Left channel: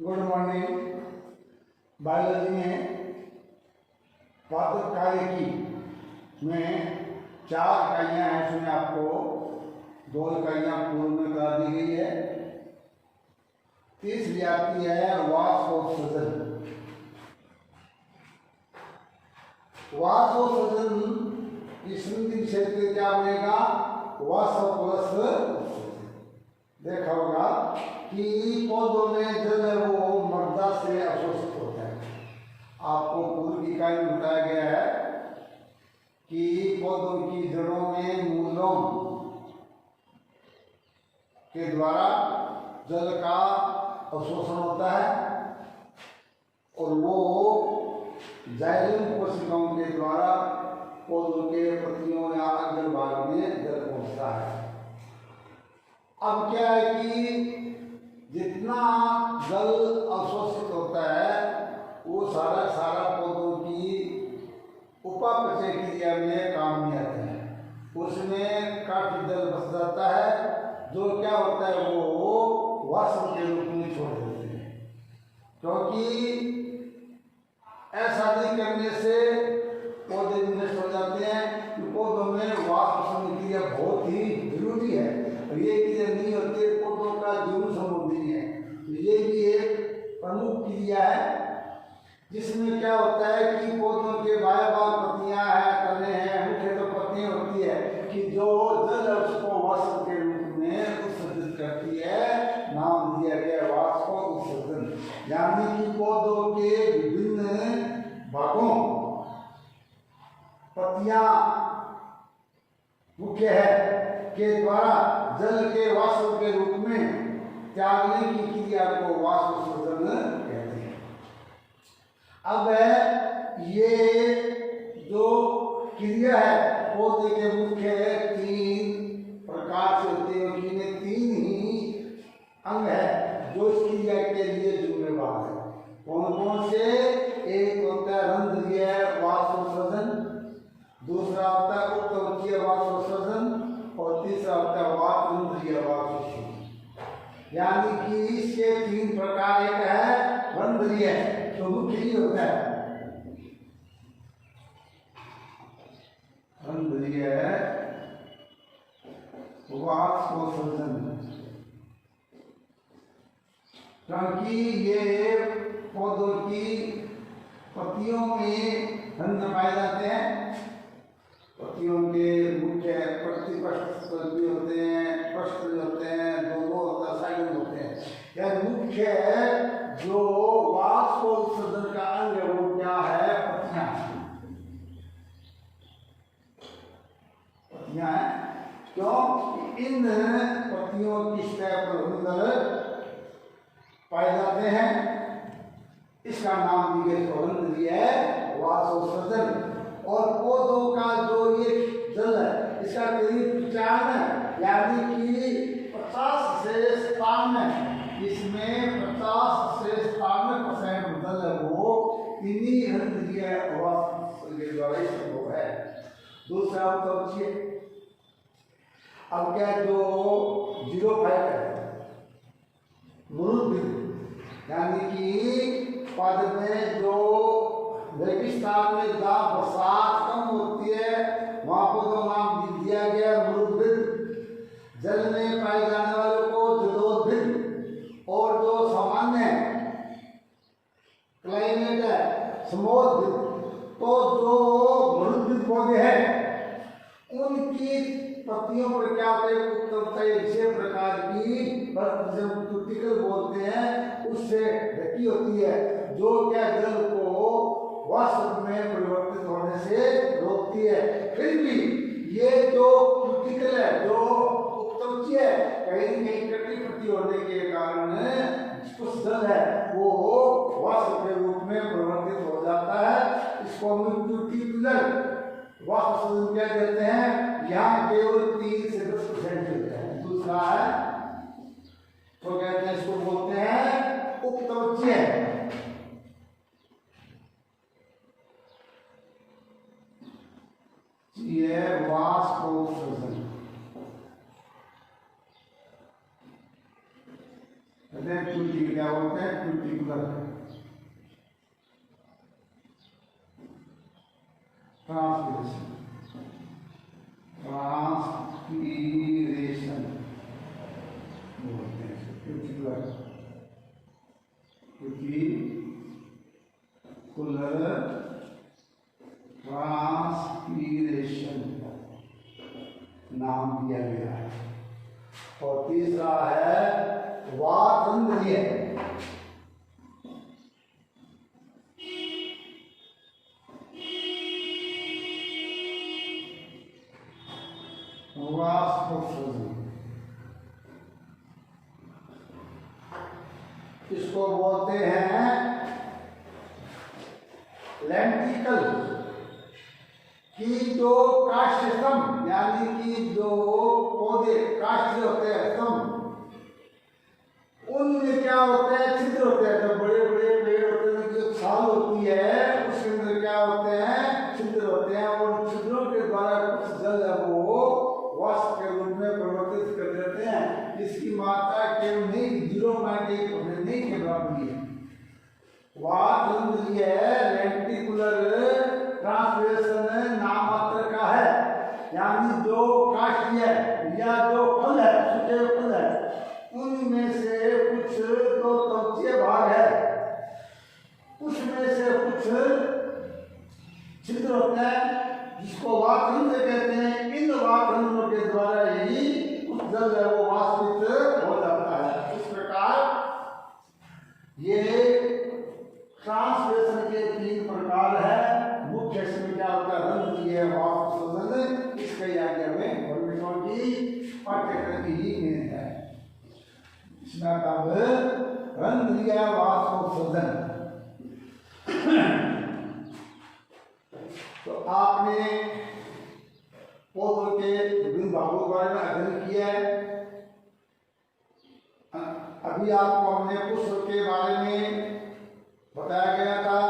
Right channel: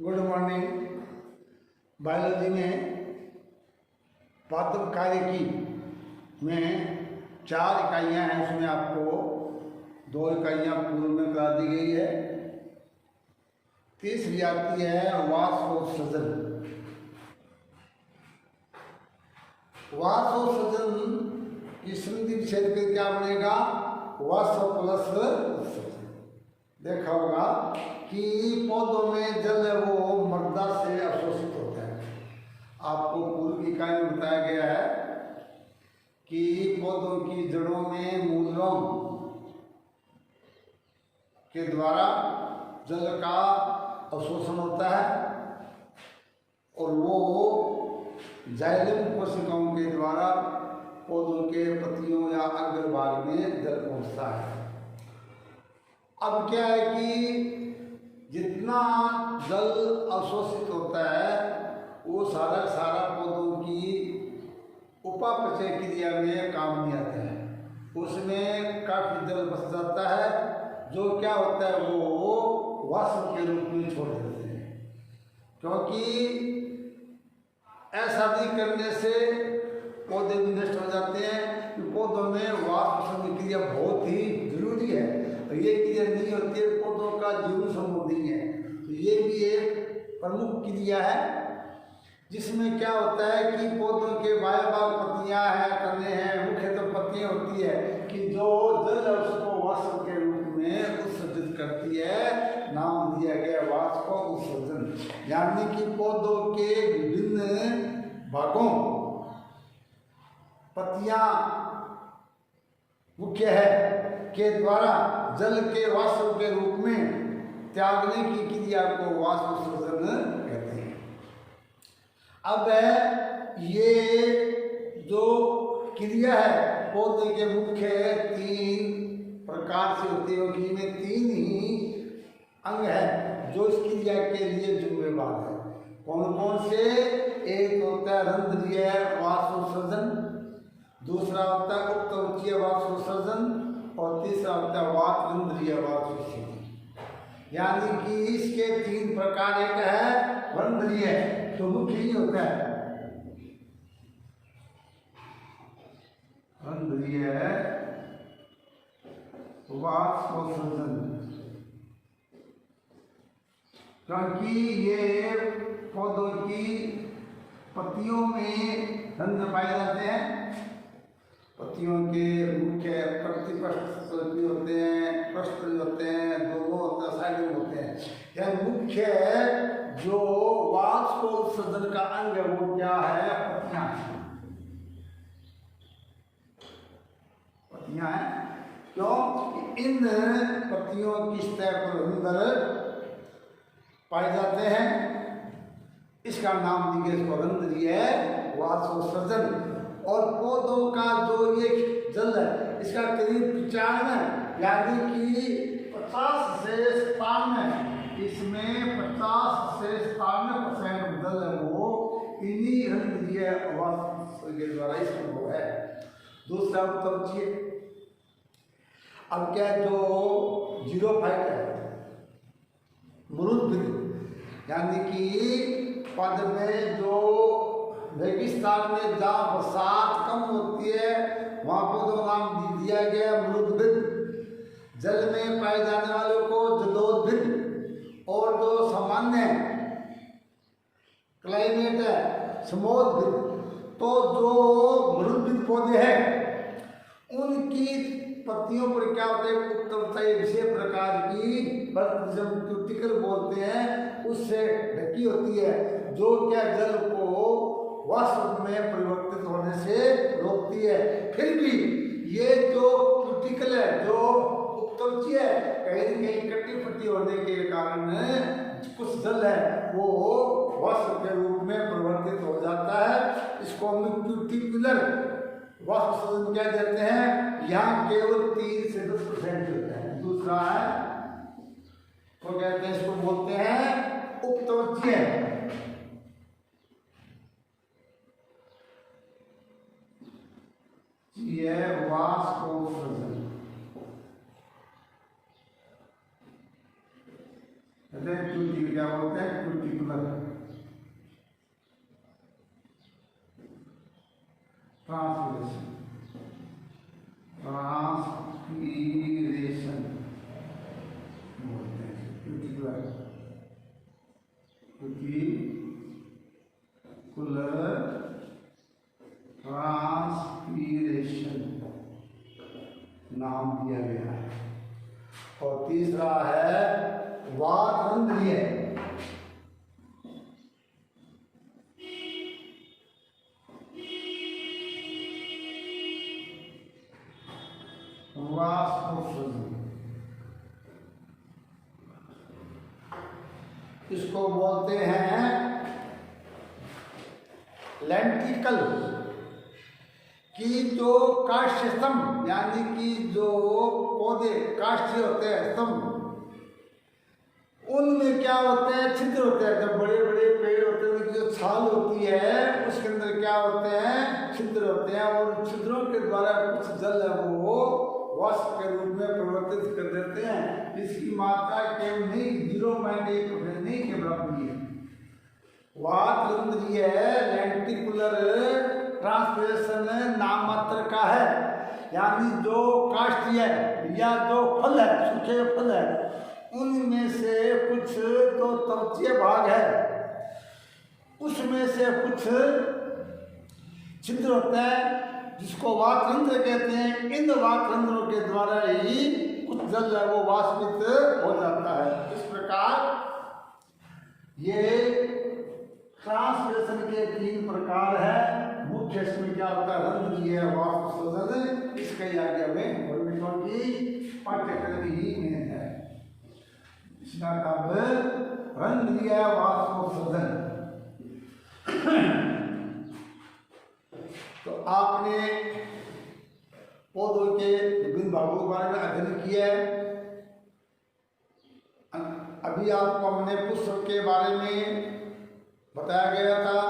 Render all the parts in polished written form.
Good morning. Biology में पात्र कार्यकी में 4 इकाइयाँ हैं। उसमें आपको 2 इकाइयाँ पूर्व में करा दी गई है। तीसरी आती है वाष्पोत्सर्जन। वाष्पोत्सर्जन की संधि क्षेत्र पे क्या बनेगा? वाष्प प्लस देखा होगा कि पौधों में जल है वो मृदा से अवशोषित होता है। आपको पूर्व की इकाई में बताया गया है कि पौधों की जड़ों में मूलों के द्वारा जल का अवशोषण होता है और वो जाइलम कोशिकाओं के द्वारा पौधों के पत्तियों या अग्र भाग में जल पहुंचता है। अब क्या है कि जितना जल अवशोषित होता है वो सारा पौधों की उपापचय क्रिया में काम नहीं आता है। उसमें काफी जल बच जाता है जो क्या होता है वो वाष्प के रूप में छोड़ देते हैं, क्योंकि ऐसा नहीं करने से पौधे भी नष्ट हो जाते हैं। कि पौधों में वाष्प क्रिया बहुत ही जरूरी है। ये क्रिया नहीं होती पौधों का जीवन संभव नहीं है। तो ये भी एक प्रमुख क्रिया है जिसमें क्या होता है कि पौधों के बाह्य पत्तियां हैं, तने हैं, मुख्य तो पत्तियां होती है कि जो जल है उसको वाष्प के रूप में उत्सर्जित करती है। नाम दिया गया वाष्प उत्सर्जन। यानी कि पौधों के विभिन्न भागों पत्तियां मुख्य है के द्वारा जल के वाष्प के रूप में त्यागने की क्रिया को वाष्प उत्सर्जन कहते हैं। अब ये जो क्रिया है पौधे के मुख्य 3 प्रकार से होते हैं। इनमें 3 ही अंग है जो इस क्रिया के लिए जिम्मेदार है। कौन कौन से? एक होता है रंध्रीय वाष्प उत्सर्जन, दूसरा होता है उत्तवचीय वाष्प उत्सर्जन और तीसरा होता है वातरंध्रीय वाष्प उत्सर्जन। यानी कि इसके 3 प्रकार। एक है रंध्रीय तो मुख्य ही होता है रंध्रीय वाष्प उत्सर्जन, क्योंकि ये पौधों की पत्तियों में रंध्र पाए जाते हैं। पत्तियों के मुख्य प्रतिपक्ष भी होते हैं, पृष्ठ होते हैं, दो होता है, साइड होते हैं। यह मुख्य जो वाष्प उत्सर्जन का अंग है वो क्या है? पत्तियां हैं। क्यों? इन पत्तियों की सतह पर रंध्र पाए जाते हैं। इसका नाम दिया रंध्रीय वाष्प उत्सर्जन। और पौधों का जो ये जल है इसका करीब 95 यानी कि 50 से 57 इसमें 50 से 57% जल है वो इन्हीं रंध्रीय वाष्प के द्वारा संभव है। दूसरा उत्तवचीय। अब क्या जो 0.5 है मरुद्भिद, यानी कि पद में जो रेगिस्तान में जहाँ बरसात कम होती है वहाँ को तो नाम दिया गया मरुद्भिद। जल में पाए जाने वालों को जलोद्भिद और जो सामान्य क्लाइमेट है समोद्भिद। तो जो मरुद्भिद पौधे हैं उनकी पत्तियों पर क्या होता है? विशेष प्रकार की क्यूटिकल बोलते हैं उससे ढकी होती है जो क्या जल को वाष्प में परिवर्तित होने से रोकती है। फिर भी ये जो क्यूटिकल है जो उत्तवचीय है कहीं न कहीं कटी फटी होने के कारण कुछ जल है वो वाष्प के रूप में परिवर्तित हो जाता है। इसको हम क्यूटिकुलर वाष्प उत्सर्जन क्या देते हैं। यहाँ केवल 3 से 10% होता है। दूसरा है तो कहते हैं इसको बोलते हैं उपतवचीय। ये वाष्प उत्सर्जन क्या बोलते हैं? रेटिकुलर ट्रांसपीरेशन बोलते हैं रेटिकुलर ट्रांसपीरेशन नाम दिया गया है। और तीसरा है वातरंध्रीय वाष्पोत्सर्जन, इसको बोलते हैं लेंटिकल की जो काष्ठ स्तंभ, यानी कि जो पौधे काष्ठ होते हैं स्तंभ, उनमें क्या होते हैं छिद्र होते हैं। जब बड़े बड़े पेड़ होते हैं जो छाल होती है उसके अंदर क्या होते हैं छिद्र होते हैं, और छिद्रों के द्वारा कुछ जल है वो वाष्प के रूप में परिवर्तित कर देते हैं। इसकी मात्रा केवल नहीं 0.1% नहीं के बराबर है। वातरंध्रीय लेंटिकुलर ट्रांसपीरेशन नाममात्र का है, यानी जो काष्ठीय या जो फल है सूखे फल है उनमें से कुछ तो त्वचीय भाग है, उसमें से कुछ छिद्र होते हैं जिसको वातरंध्र कहते हैं। इन वातरंध्रों के द्वारा ही कुछ जल है वो वाष्पित हो जाता है। इस प्रकार ये ट्रांसपीरेशन के 3 प्रकार है। मुख्य इसमें क्या होता है रंध्रीय वाष्पोत्सर्जन, इसके आगे में गवर्नमेंटों की पाठ्यक्रम ही मेन है। इसका नाम रंध्रीय वाष्पोत्सर्जन। तो आपने पौधों के विभिन्न भागों के बारे में अध्ययन किया है। अभी आपको हमने पुष्प के बारे में बताया गया था,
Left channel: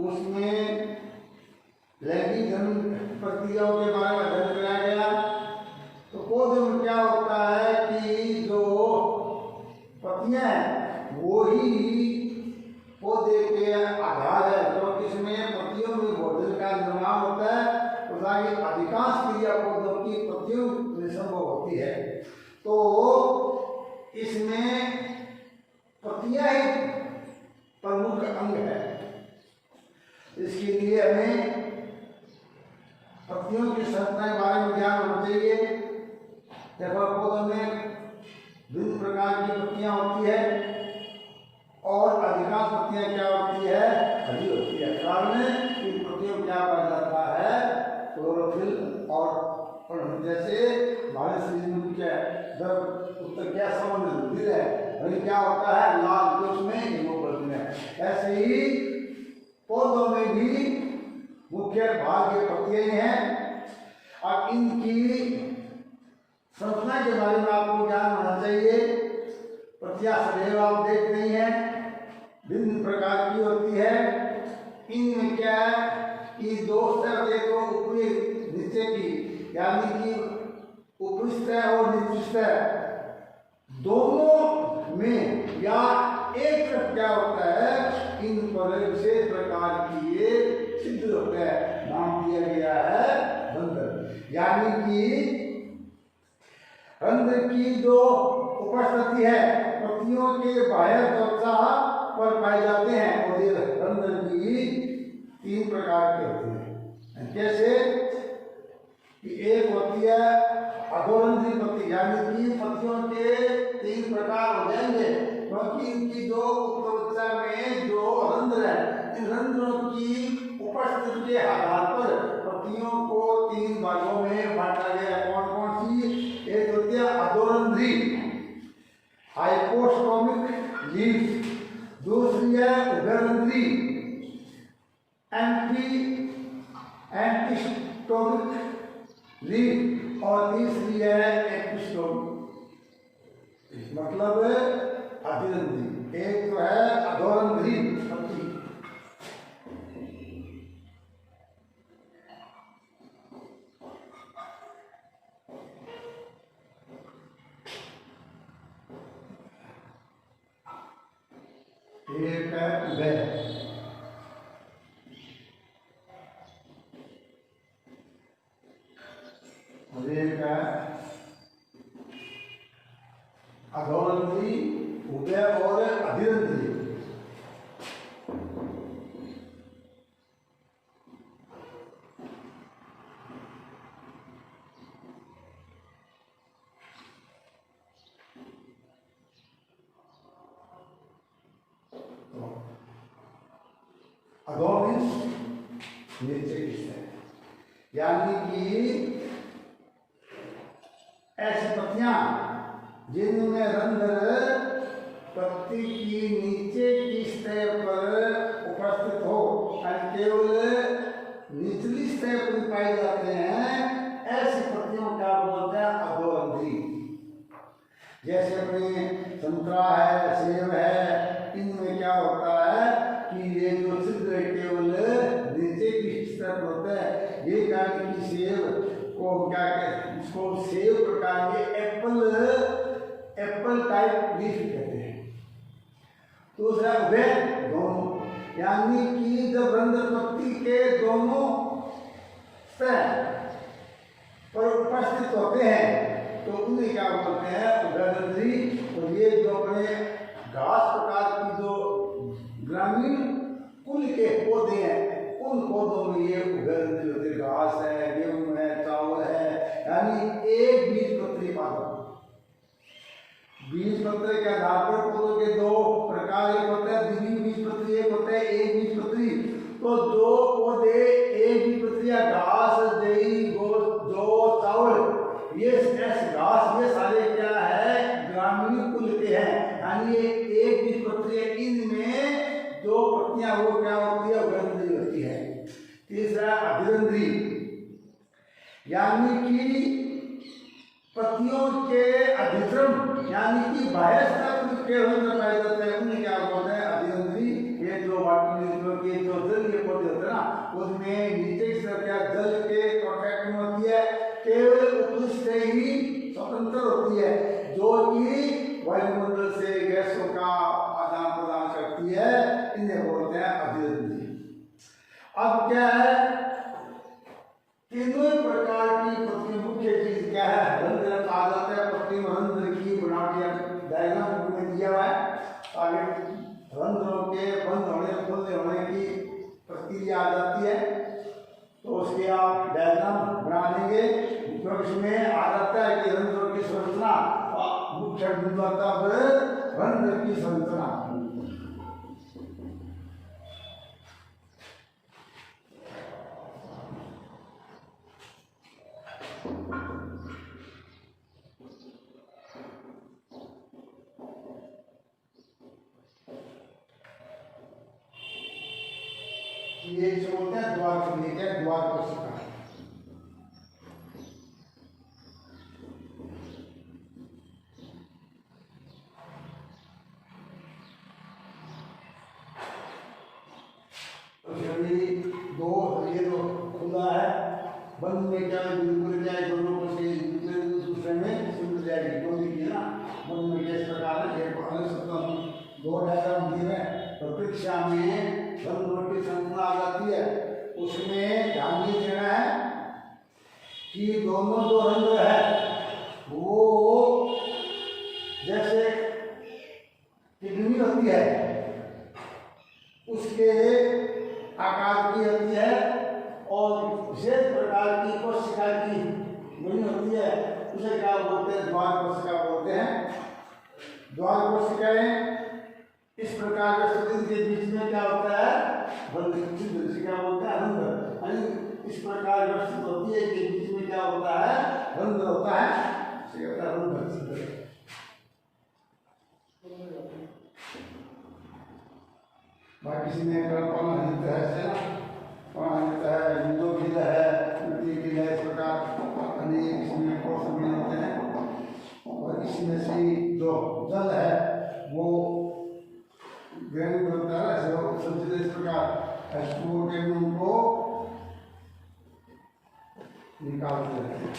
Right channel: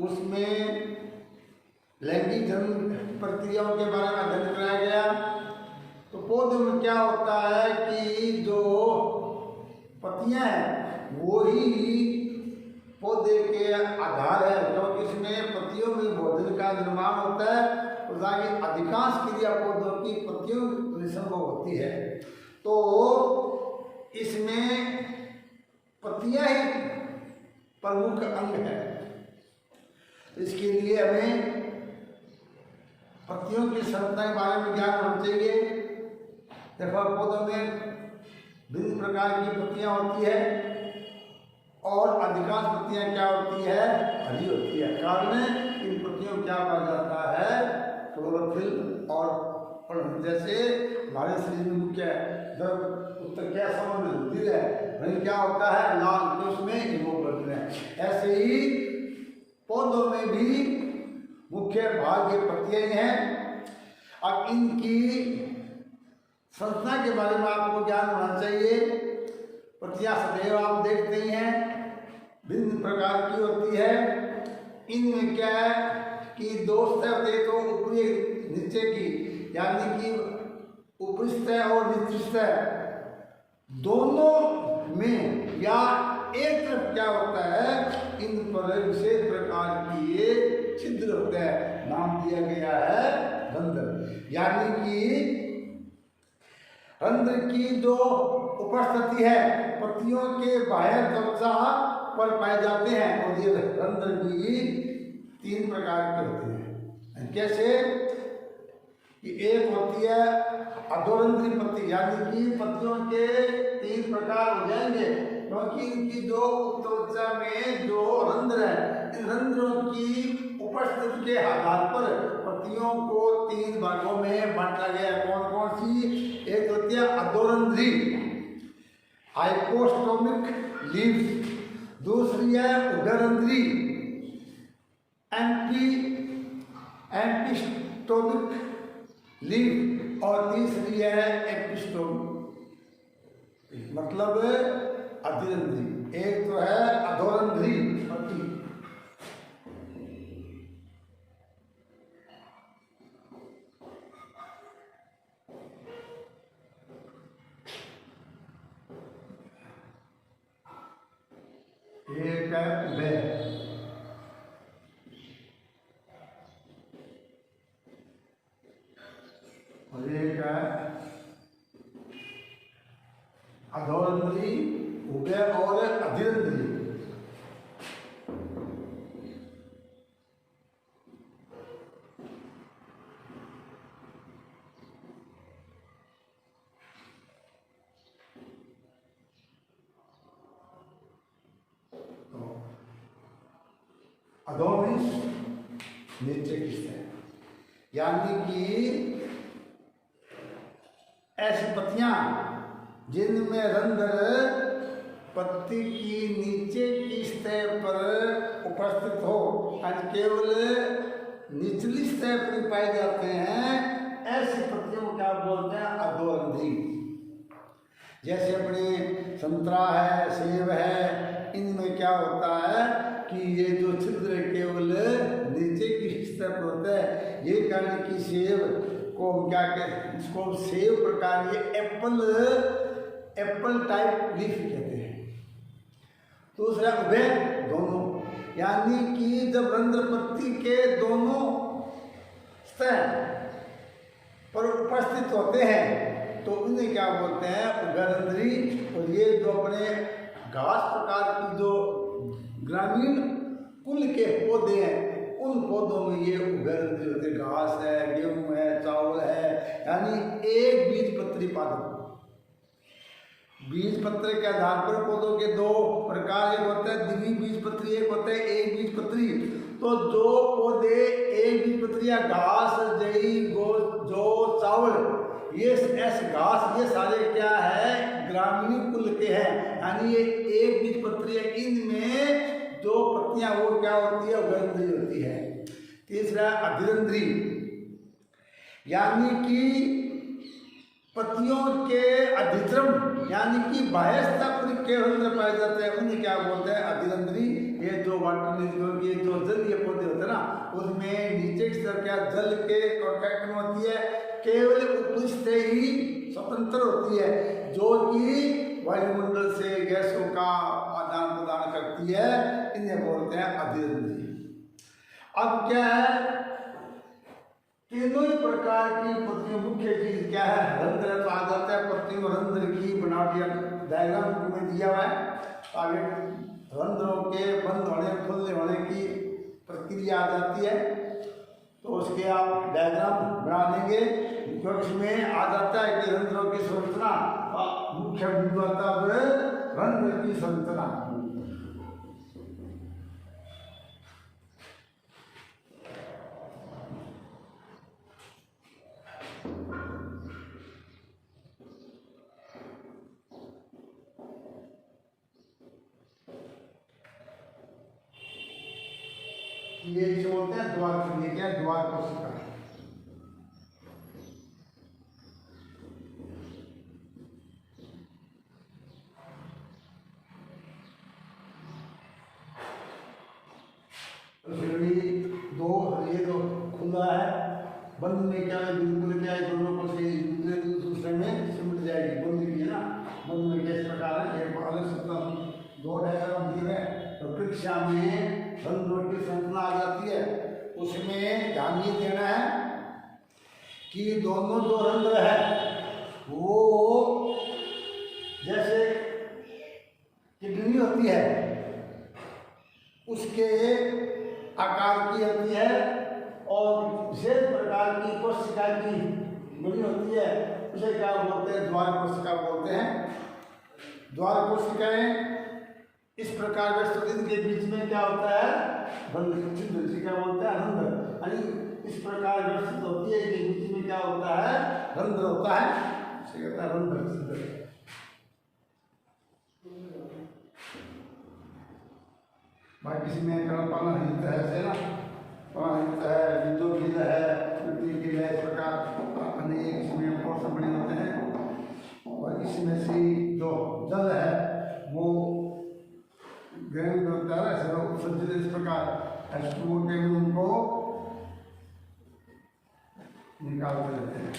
उसमें लैंगिक धर्म प्रक्रियाओं के बारे में अध्ययन कराया गया। तो पौधे में क्या होता है कि जो पत्तियां हैं वो ही पौधे के आधार है, क्योंकि इसमें पत्तियों में भोजन का निर्माण होता है और ताकि अधिकांश क्रिया पौधों की पत्तियों में संभव होती है। तो इसमें पत्तियां ही प्रमुख अंग है। इसके लिए हमें पत्तियों की संरचना के बारे में ज्ञान होना चाहिए। देखो पौधों में विभिन्न प्रकार की पत्तियां होती है और अधिकांश पत्तियां क्या होती है हरी होती है। कारण इन पत्तियों क्या पाया जाता है क्लोरोफिल और जैसे हमारे शरीर में क्या जब उत्तर क्या संबंध रुधिर है क्या होता है लाल, तो उसमें हीमोग्लोबिन है। ऐसे ही पौधों में भी मुख्य भाग ये पत्तियां हैं। अब इनकी संरचना के बारे में आपको ज्ञान होना चाहिए। पत्तियां सदैव आप देखते ही हैं भिन्न प्रकार की होती है। इनमें क्या है कि 2 स्तर देखो ऊपरी नीचे की, यानी कि ऊपरी सतह और निचली सतह दोनों में या एक तरफ क्या होता है इन पर विशेष प्रकार की ये छिद्र होते हैं, नाम दिया गया है रंध्र। यानी कि रंध्र की जो उपस्थिति है पत्तियों के बाह्य त्वचा पर पाए जाते हैं। और ये रंध्र की 3 प्रकार के होते हैं। कैसे कि एक होती है अधोरंध्री पत्ती, यानी कि पत्तियों के 3 प्रकार हो जाएंगे, क्योंकि इनकी जो त्वचा में जो रंध्र है इन रंध्रों की उपस्थिति के आधार पर पत्तियों को 3 भागों में बांटा गया। कौन कौन सी? एक होती है अधोरंध्री हाइपोस्टोमिक लीफ, दूसरी है उभयरंध्री एंटीस्टोमिक लीफ और तीसरी है एंटीस्टोमिक, मतलब अधिरंध्री। एक तो है अधोरंध्री पत्ती, ये एक है उभय, और एक है अधोरंध्री, उभय और अधिरंध्री। अधोमिश नीचे किससे, यानी कि ऐसी पत्तियां जिनमें रंध्र पत्ती की नीचे की सतह पर उपस्थित हो और केवल निचली सतह पर पाए जाते हैं, ऐसी पत्तियों क्या बोलते हैं, अधोरंध्री। जैसे अपने संतरा है, सेब है, इनमें क्या होता है कि ये जो छिद्र केवल नीचे की सतह पर होता है। ये कहने की सेब को क्या कहते हैं, इसको सेब प्रकार के एप्पल टाइप लीफ कहते हैं। दूसरा उभय दोनों, यानी कि जब रंध्र पत्ती के दोनों सतह पर उपस्थित होते हैं तो उन्हें क्या बोलते हैं, उभयरंध्री। और ये जो अपने घास प्रकार की जो ग्रामीण कुल के पौधे हैं, उन पौधों में ये उभयरंध्री होते हैं। घास है, गेहूं है, चावल है, यानी एक बीज पत्री पादप। बीज पत्र के आधार पर पौधों के दो प्रकार, एक होता है द्विबीजपत्री, एक होता है एक बीजपत्री। तो जो पौधे एक बीजपत्री या घास, जई, जौ, चावल, ये ऐसे घास, ये सारे क्या है, ग्रामीण कुल के हैं, यानी ये एक बीजपत्री है। इनमें जो पत्तियां वो क्या होती है, उभयरंध्री होती है। तीसरा अधिरंध्री, यानी कि पत्तियों के अधिश्रम, यानी कि बाह्य सतह के रंध्र पाए जाते हैं, उन्हें क्या बोलते हैं, अधिरंध्री। ये जो वाटर लिलियों के जो जलीय पौधे होते हैं ना, उसमें नीचे की तरफ क्या जल के कांटेक्ट में होती है, केवल ऊपर से ही स्वतंत्र होती है, जो कि वायुमंडल से गैसों का आदान प्रदान करती है। इन्हें बोलते हैं अधिरंध्री। अब क्या है, तीनों प्रकार की पत्ती, मुख्य चीज क्या है, रंध्र आ जाता है। पत्ती में रंध्र की बनावटी डायग्राम में दिया हुआ है। आगे रंध्रों के बंद होने, खुलने होने की प्रक्रिया आ जाती है, तो उसके आप डायग्राम बना देंगे। क्योंकि इसमें आ जाता है कि रंध्रों की संरचना, मुख्य बिंदु आता है रंध्र की संरचना। ये जो होते हैं द्वार के लिए, द्वार कोशिका। दो, ये जो खुला है, बंद में क्या है, बिल्कुल क्या है, दोनों को से दूसरे में सिमट जाएगी, दोनों की है ना। बंद में किस प्रकार है, अलग से दो डायग्राम दिए हैं। तो परीक्षा में रंध्रों की संरचना आ जाती है, उसमें ध्यान ये देना है कि दोनों जो रंध्र है वो जैसे किडनी होती है उसके आकार की होती है, और विशेष प्रकार की कोशिका की बनी होती है, उसे क्या बोलते हैं, द्वार कोशिका बोलते हैं। द्वार कोशिकाएं इस प्रकार के बीच में क्या होता है, बंद छिद्र, क्या बोलते हैं, रंध्र। इस प्रकार व्यवस्थित होती है कि बीच में क्या होता है, रंध्र होता है, रंध्र छिद्र। भाई किसी में प्राणहित है, प्राणहित है, बिंदु गिल है, मिट्टी गिल है, इस प्रकार अनेक इसमें कोर्स बने होते हैं। और इसमें से जो जल है वो गैंग बनता है, ऐसे इस प्रकार एस्टूर के गुण को निकाल देते हैं।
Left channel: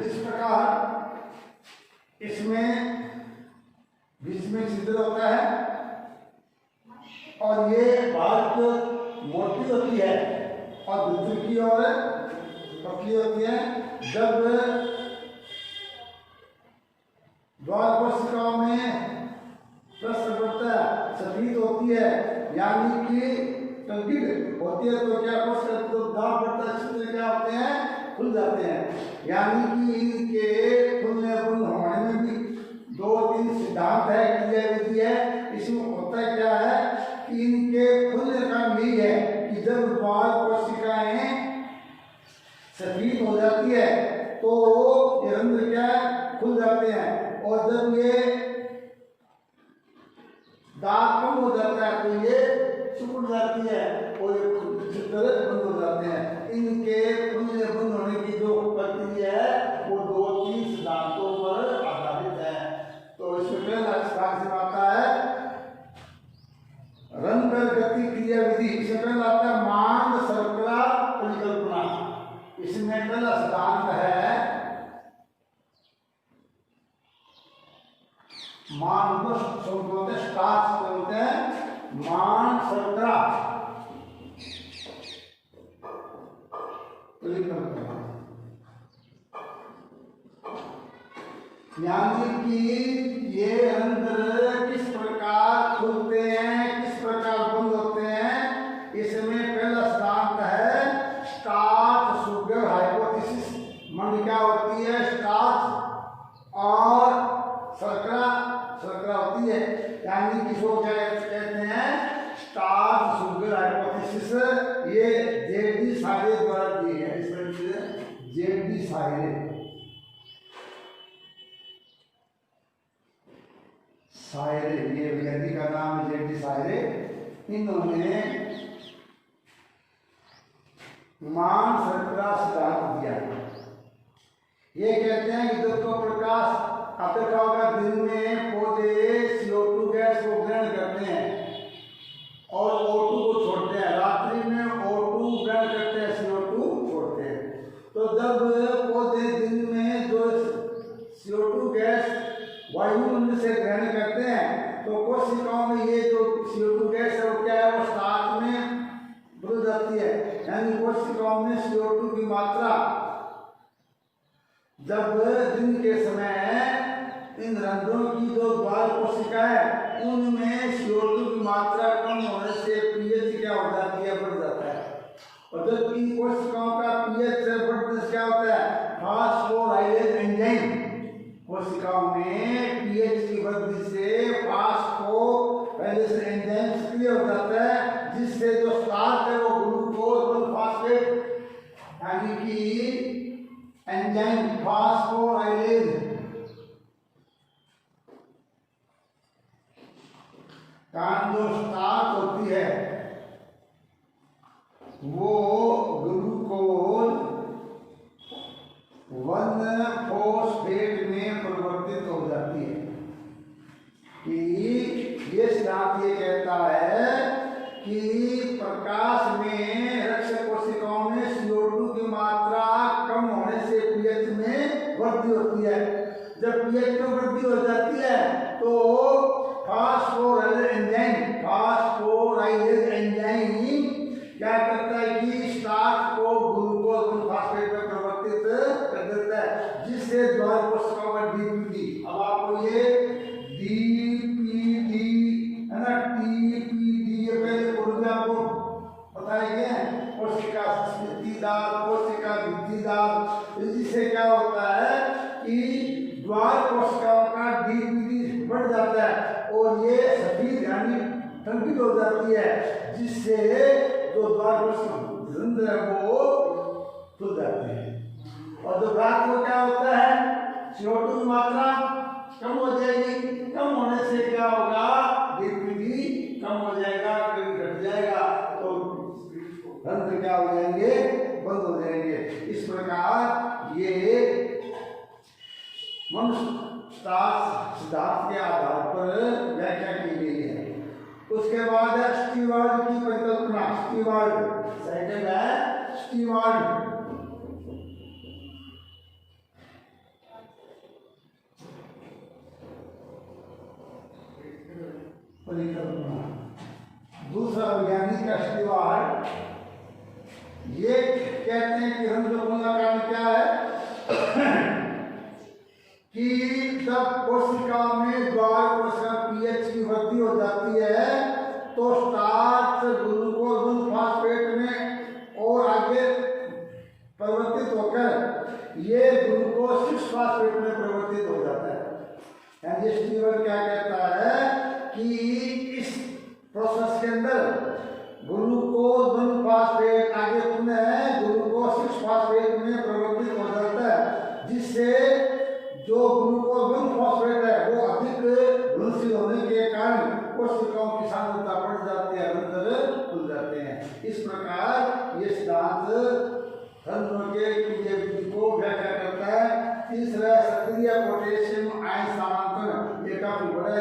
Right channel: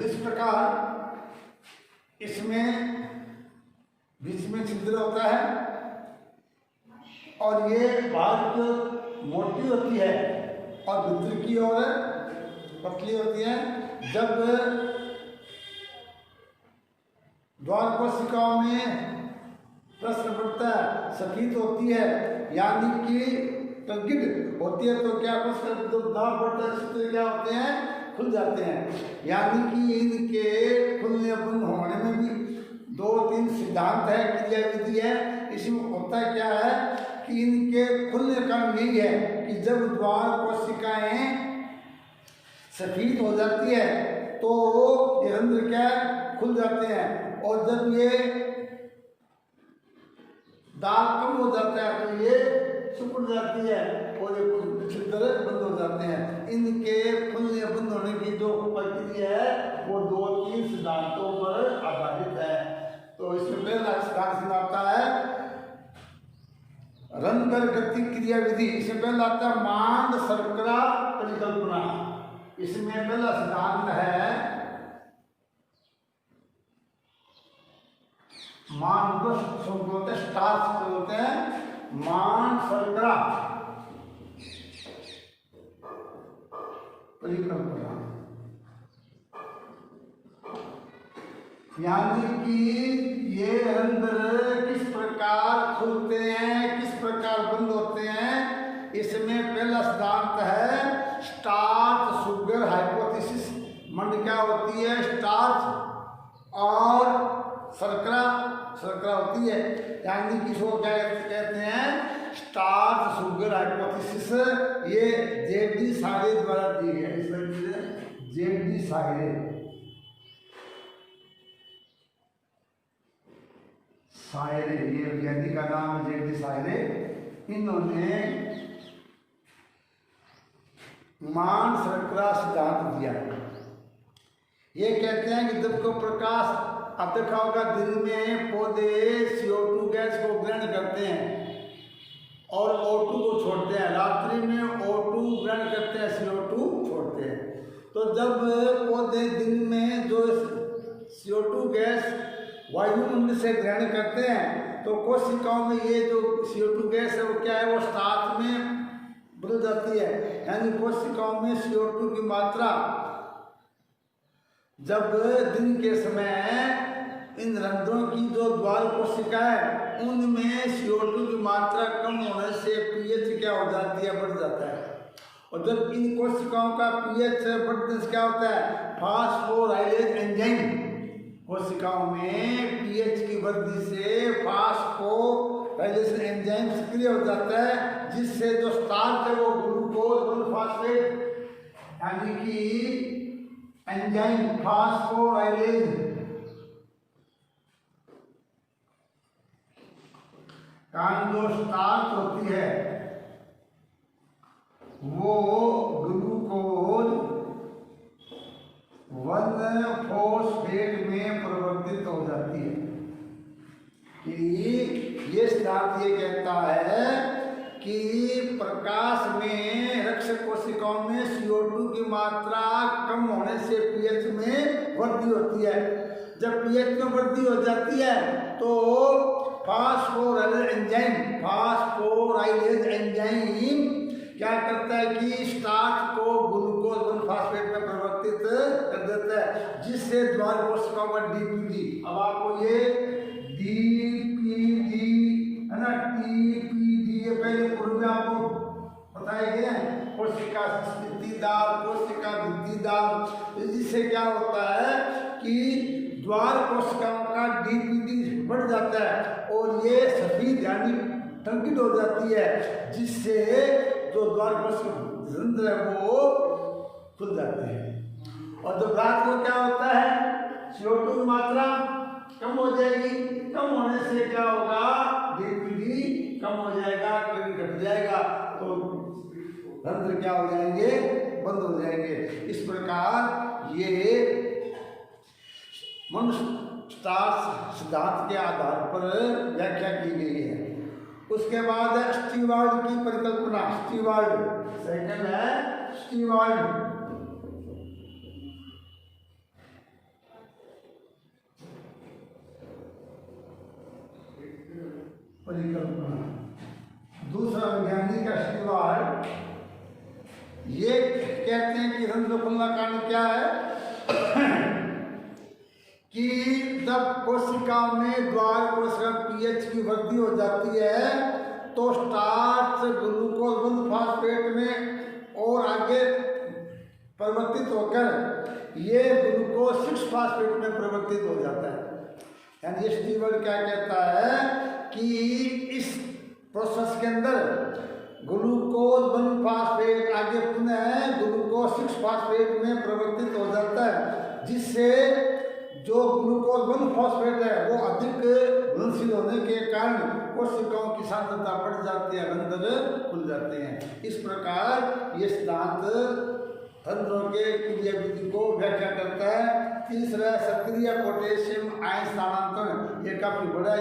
इस प्रकार इसमें बीच में छिद्र होता है और ये भाग मोटी होती है और भीतर की ओर पतली होती है। जब द्वार कोशिकाओं में प्रसवता सफेद होती है यानी कि टंकित होती है तो क्या कोशिका जो द्वार पड़ता है छिद्र क्या होते हैं, खुल जाते हैं। यानी कि इनके खुलने बंद होने में भी 2-3 सिद्धांत है, क्रिया विधि है। इसमें होता क्या है कि इनके खुलने का यही है कि जब द्वार कोशिकाएं सफेद हो जाती है तो ये रंध्र क्या है, खुल जाते हैं। और जब ये दाग कम हो जाता है तो ये सिकुड़ जाती है और ये छिद्र बंद हो जाते हैं। इनके खुलने बंद होने की जो प्रक्रिया है वो 2-3 सिद्धांतों पर आधारित है। तो इसमें पहला सिद्धांत आता है रंध्र गति क्रिया विधि। इसमें पहला आता है मांड शर्करा परिकल्पना। इसमें पहला सिद्धांत है मांड बोलते हैं, स्टार्च बोलते हैं, मांड शर्करा परिकल्पना। यानी कि ये रंध्र किस प्रकार खुलते हैं, किस प्रकार बंद होते हैं। इसमें पहला सिद्धांत है स्टार्च शुगर हाइपोथेसिस। मंड क्या होती है, स्टार्च और शर्करा होती है। यानी कि इसको क्या कहते हैं, स्टार्च शुगर हाइपोथेसिस। ये जेडी सारे द्वारा दी है। इस तरह से जेडी सारे सायरे, ये व्यक्ति का नाम है जेडी सायरे। इन्होंने मान शर्करा सिद्धांत दिया है। ये कहते हैं कि जब तो प्रकाश देखा होगा दिन में पौधे CO2 गैस को ग्रहण करते हैं और O2 को छोड़ते हैं। रात्रि में O2 ग्रहण करते हैं, CO2 छोड़ते हैं। तो जब पौधे दिन में जो CO2 गैस वायुमंडल से ग्रहण करते हैं तो कोशिकाओं में ये जो CO2 गैस है वो क्या है, वो स्टार्च में बदल जाती है। यानी कोशिकाओं में CO2 की मात्रा जब दिन के समय इन रंध्रों की जो द्वार कोशिका है उनमें CO2 की मात्रा कम होने से pH क्या हो जाती है, बढ़ जाता है। और जब इन कोशिकाओं का pH बढ़ने से क्या होता है, फास्फोराइलेज एंजाइम कोशिकाओं में pH की वृद्धि से फास्फोराइलेज एंजाइम सक्रिय हो जाता है, जिससे जो स्टार्च है वो ग्लूकोज फास्फेट यानी कि एंजाइम फास्फोराइलेज कारण जो स्टार्च होती है वो ग्लूकोज 1-फॉस्फेट में परिवर्तित हो जाती है। कि ये सिद्धांत ये कहता है कि प्रकाश में रक्षक कोशिकाओं में CO2 की मात्रा कम होने से pH में वृद्धि होती है। जब pH में वृद्धि हो जाती है तो फास्फोराइलेज एंजाइम क्या करता है कि स्टार्च को ग्लूकोज 1-फॉस्फेट में परिवर्तित कर देता है, जिससे द्वार कोशिकाओं का DPD, अब आपको ये DPD है ना, TPD ये पहले पूर्व आपको बताया गया है, कोशिका स्थितिदार, कोशिका वृद्धिदार। जिससे क्या होता है कि द्वार कोशिकाओं का DPD बढ़ जाता है और ये सफेद यानी टंकित हो जाती है, जिससे जो द्वार रंध्र है वो खुल जाते हैं। और जब रात को क्या होता है, CO2 की मात्रा कम हो जाएगी। कम होने से क्या होगा, DPD कम हो जाएगा, घट जाएगा, तो रंध्र क्या हो जाएंगे, बंद हो जाएंगे। इस प्रकार ये मनुष्य सिद्धांत के आधार पर व्याख्या की गई है। उसके बाद है स्टीवार्ड की परिकल्पना। स्टीवार्ड सेकंड है स्टीवार्ड। परिकल्पना। दूसरा वैज्ञानिक का सवाल, ये कहते हैं कि रंध्र बनने का कारण क्या है कि जब कोशिका में द्वार कोशिका पीएच की वृद्धि हो जाती है तो स्टार्च ग्लूकोज फास्फेट में और आगे परिवर्तित होकर ये ग्लूकोज 6 फास्फेट में परिवर्तित हो जाता है। यानी ये स्टीवर्ट क्या कहता है कि इस प्रोसेस के अंदर ग्लूकोज 1 फास्फेट आगे पुनः ग्लूकोज 6 फास्फेट में परिवर्तित हो जाता है, जिससे जो ग्लूकोज 1 फास्फेट है वो अधिक घुलनशील होने के कारण कोशिकाओं की सांद्रता बढ़ जाती है, रंध्र खुल जाते हैं। इस प्रकार ये सिद्धांत रंध्रों के क्रिया विधि को व्याख्या करता है। तीसरा सक्रिय पोटेशियम आयन स्थानांतरण, ये काफी बड़ा